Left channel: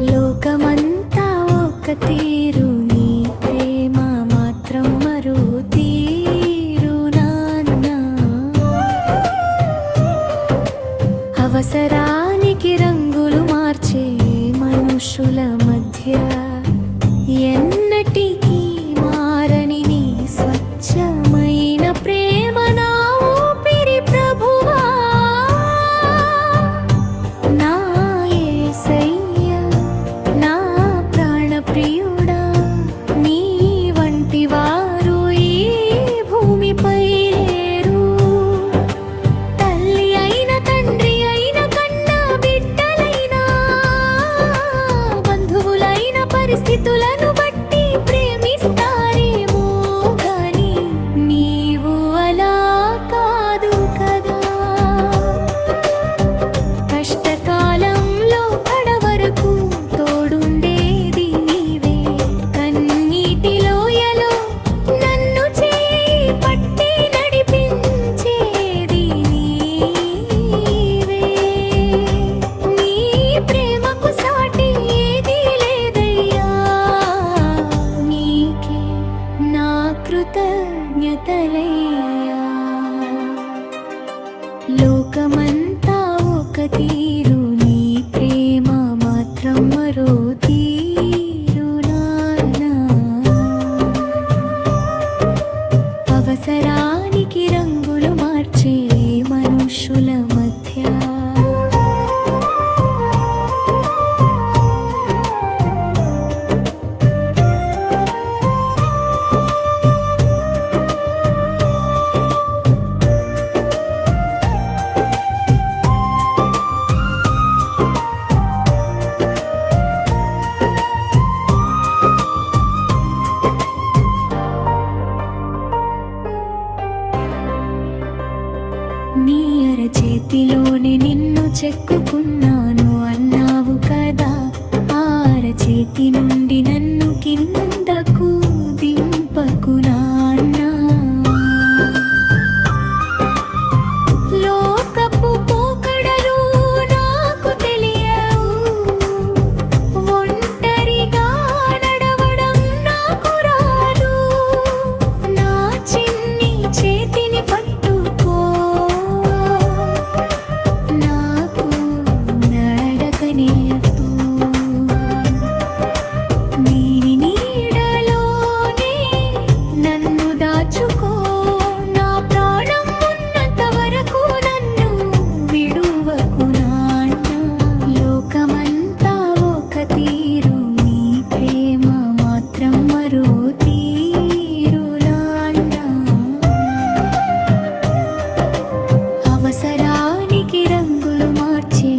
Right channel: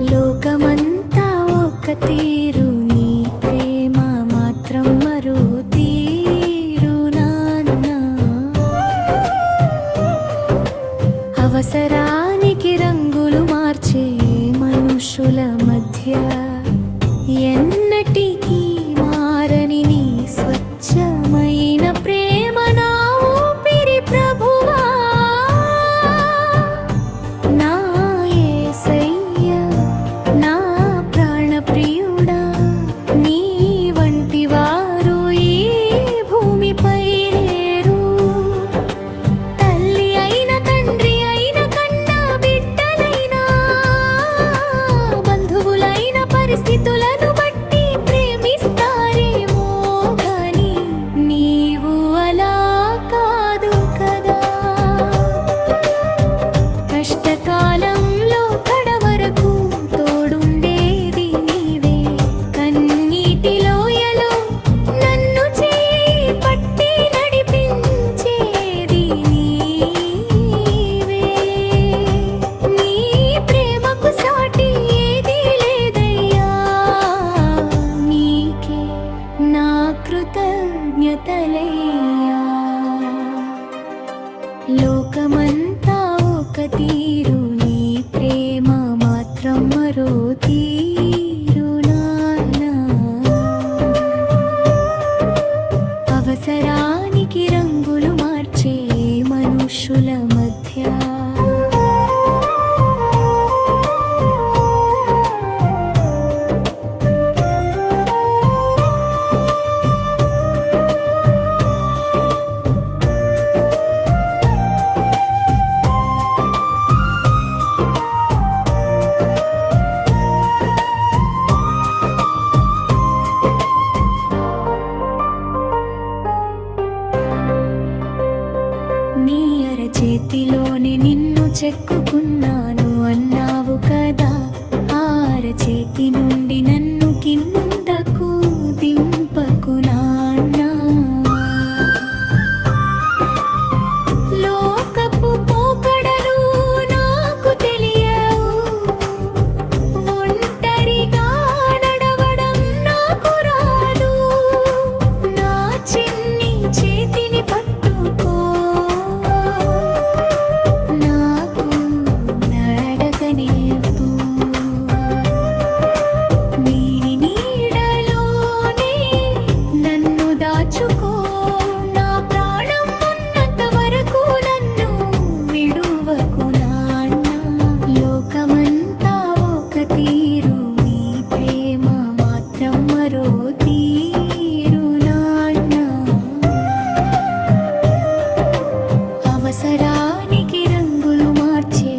లోకమంతా ఒక తీరు, నీ ప్రేమ మాత్రం మరో తీరు నాన్న. అవసరానికి రంగులు మార్చే మనుషుల మధ్య ఎన్నటికీ మారని నీ స్వచ్ఛమైన ప్రేమ నా ఊపిరి ప్రభువా. నా యేసయ్యా, నా ప్రాణప్రియుడా, నీ వంటి వారు ఈ భూమిపై లేరు. తల్లి అయిన తండ్రి అయిన కన్నా బిడ్డలైనా బంధువులైన పరిస్థితులను బట్టి ప్రేమిస్తారేమో గాని నీవు అలా కాదు కదా. కష్టకాలంలో కడవరకు తోడుండేది నీవే, కన్నీటి లోయలో నన్ను చేయి పట్టి నడిపించేది నీవే. నీ ప్రేమకు సాటి ఏదీ లేదయ్యా, నీకే నా కృతజ్ఞతలయ్యా. లోకమంతా ఒక తీరు, నీ ప్రేమ మాత్రం మరో తీరు నాన్నా. అవసరానికి రంగులు మార్చే మనుషుల మధ్య నీ అరచేతిలోనే నిన్ను చెక్కుకున్నాను అన్నావు కదా. ఆ అరచేతి నుండి నన్ను కిందకు దింపకు నాన్నా. లోకపు పోకడలు నాకు తెలియవు, ఒంటరిగా నడవడం నాకు రాదు. నా చిన్ని చేతిని పట్టుకో, నాకు నడక నేర్పు. నీని నీడలోనే నన్ను దాచుకో, నా ప్రాణం ఉన్నంత వరకు నన్ను విడువకు నాన్న. లోకమంతా ఒక తీరు, నీ ప్రేమ మాత్రం మరో తీరు నాన్న. అవసరానికి రంగులు మార్చే